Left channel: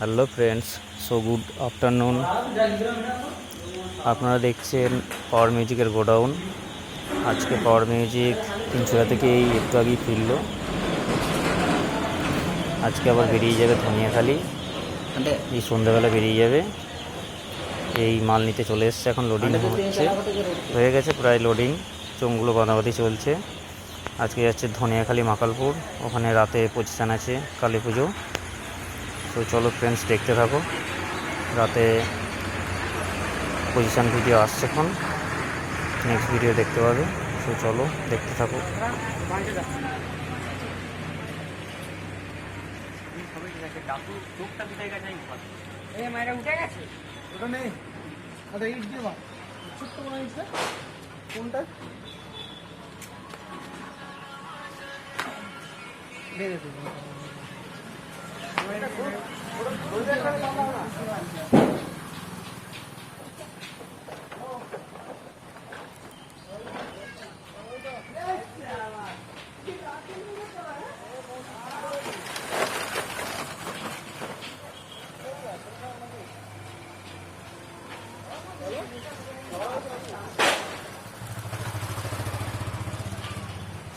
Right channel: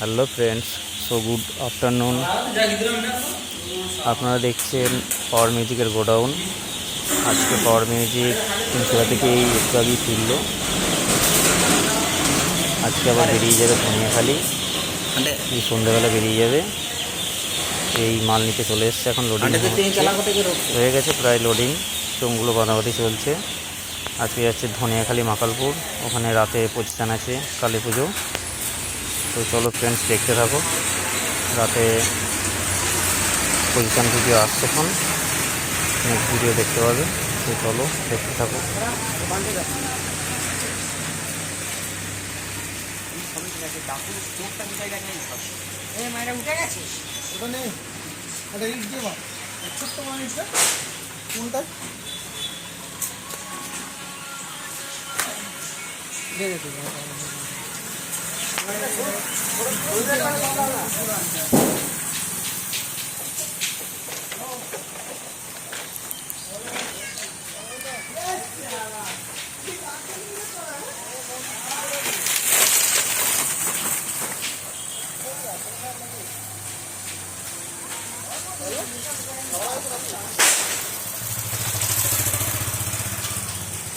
Hello friends, so good afternoon. আপনারা দেখছেন পাওয়ার মিউজিকের গোডাউন। আজকে পাওয়ার মিউজিক তিনচুরা থেকে একটু আগেই ফিরল। আজকে আবার বেরিয়ে যাবে ধনিয়াখালি, এই সন্ধ্যাবেলা বেরিয়ে যাবে। এই মাল নিতে চলে এসছে, এখন লোডিং হয়ে গেছে, প্রায় লোডিং, চোঙগুলো বাঁধাবাঁধি চলছে। আজকে যাচ্ছে ধনিয়াখালি মাকালপুর, ওখানে রাতে পজিশান আছে কালী পুজো। তো চলো ফ্রেন্ডস, দেখতে থাকো। রাতে পজিশান ভিডিও আসছে, এখন নেক্সট ভিডিও দেখতে পাবে। তো চলো দেখতে থাকো।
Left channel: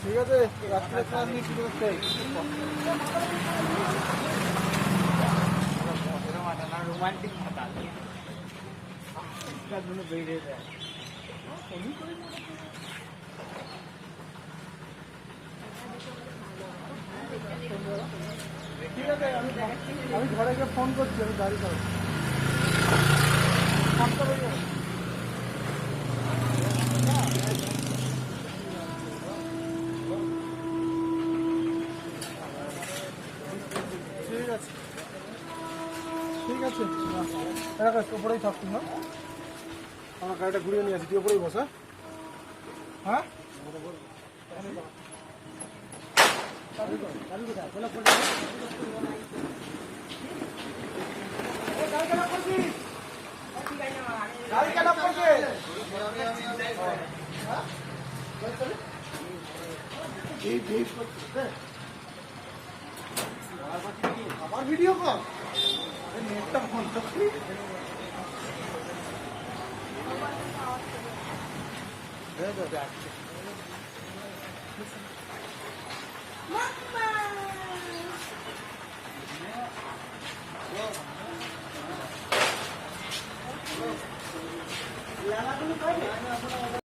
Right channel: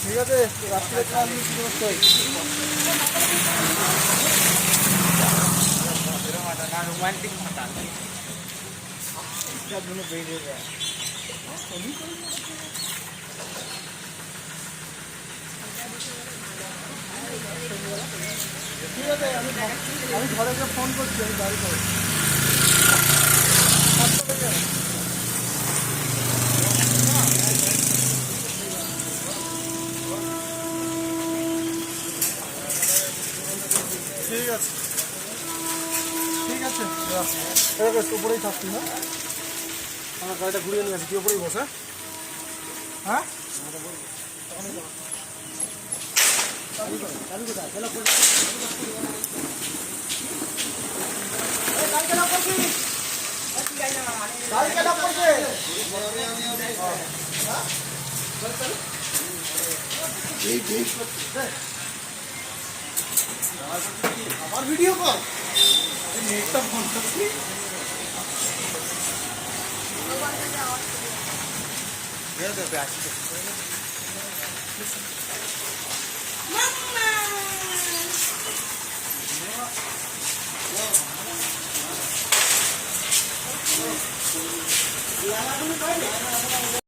ঠিক আছে, রাত্রে খাওয়া শুরু করতে রোমান্টিক বেরিয়ে যায়। ঠিক আছে, আমি ঘরে গিয়ে ফোন করছি, আমি গাড়ি করে ঠিক আছে। ঠিক আছে, এরকম উপরেই থাকছি। হ্যাঁ, আমার গাড়িটা ঘুরিয়ে নিয়ে আসি, তুই উপরেই বসে। হ্যাঁ, আমার ভিডিও কর, নেটটা ফোন করছি।